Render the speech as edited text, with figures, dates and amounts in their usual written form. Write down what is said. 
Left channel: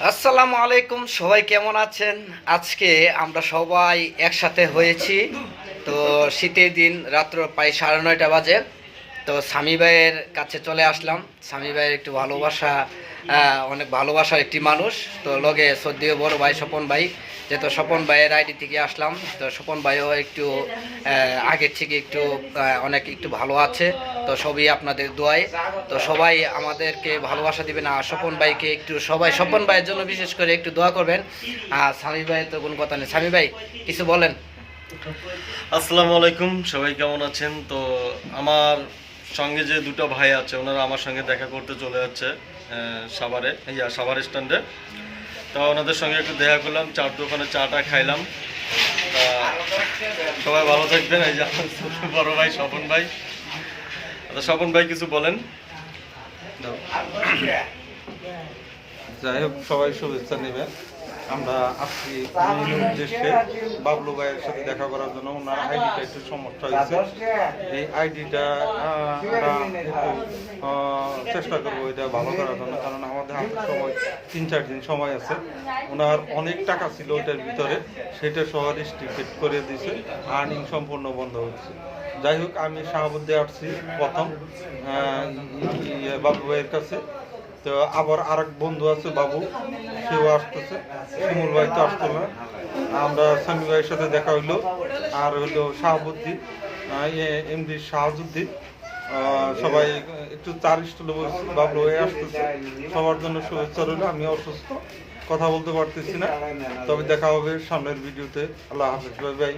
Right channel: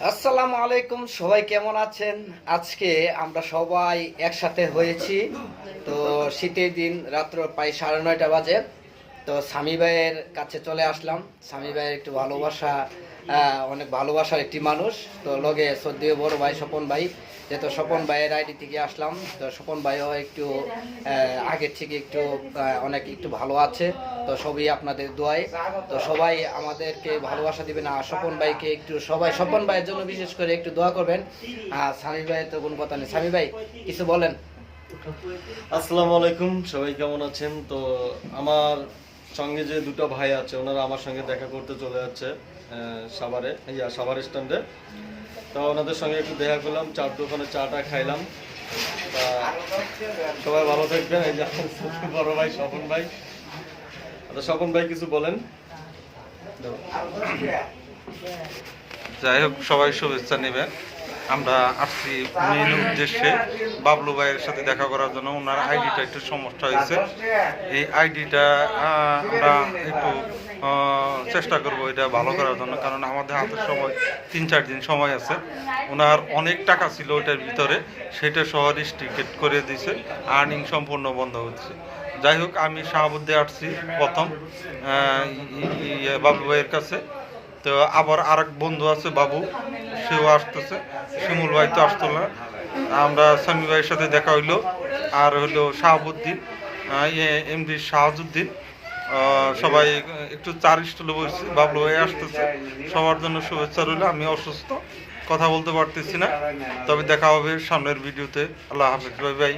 আসসালামু আলাইকুম, সবাই কেমন আছেন? আজকে আমরা সবাই একসাথে হয়েছি। তো শীতের দিন, রাত্র প্রায় 9:30 বাজে। তো স্বামী ভাইয়ের কাছে চলে আসলাম। স্বামী ভাইয়ের একটু ভালোবাসা, অনেক ভালোবাসার একটি মানুষ। তো লগে শ্রদ্ধেয় বড় ভাই স্বপন ভাই, যেহেতু স্বপন ভাইয়ের আইডি থেকে আসলাম। তো স্বপন ভাইও একটু আগের থেকে একটু অনেক একটু ভালো আছে। তো সবই আপনাদের দোয়ায়। তো সবাই আমাদেরকে ভালোবাসা দিবেন, আর স্বপন ভাইকে একটু সবাই স্বপন ভাইয়ের জন্য বিশেষ করে একটু দোয়া করবেন। আর স্বামী ভাইয়ের তো কোনো কথা নেই। স্বামী ভাই কিছু বলেন। আসসালামু আলাইকুম, সবাই কেমন আছেন? তো আমার সঙ্গে যে দুটো ভাই আছে ওনারা আমার সঙ্গে দেখা করতে চলে যাচ্ছে সাভার স্ট্যান্ডে। তো ওনাদের সঙ্গে একটু দেখা করলাম, চার দোকানে চাটা খাইলাম। তা সবাই ভালো থাকবেন। এই যে আমার বড় ভাই স্বপন ভাই। আচ্ছা স্বপন ভাই কিছু বলেন। যাই হোক, সবাই শুভেচ্ছা নেবেন। আমরা আসছি মেইন উদ্দেশ্যে বাবলু ভাইয়ের সাথে দেখা করার জন্য। ওনার আইডিটা একটু সমস্যা হয়েছে। এই আইডিটা আমরা একটু চেষ্টা করবো এটা ভালো করার জন্য, কারণ আমাদের হাতে সময় 3-4 দিন সময় আছে। ওনার অনেক টাকা ছিল ওইটার ভিতরে, সেটা সহ রিস্ট্রিক্টেড করে দিয়েছে, আর্নিং সম্পূর্ণ বন্ধ হচ্ছে। যাই হোক, আমি শাহাবুদ্দে আসছি প্রথম বাবলু ভাইয়ের কাছে। তো আবার আরেক বন্ধু আছে বাবু, সেও আসতেছে। শিমুল ভাই তো আসতো না। আমরা স্বামী ভাইয়ের সাথে দেখা হইলো। আর হইলো শাহাবুদ্দিন, এমডি শাহাজুদ্দিন। সবাই একটু চার স্টলে বলছি, বাবলু ভাই আসতেছে। সবার জন্য শুভেচ্ছা রইল। আমি অসুস্থ, কথা বলতে পারতেছি না, তবে দেখা হবে সামনের ভিডিওতে। আল্লাহ হাফিজ, বাই বাই।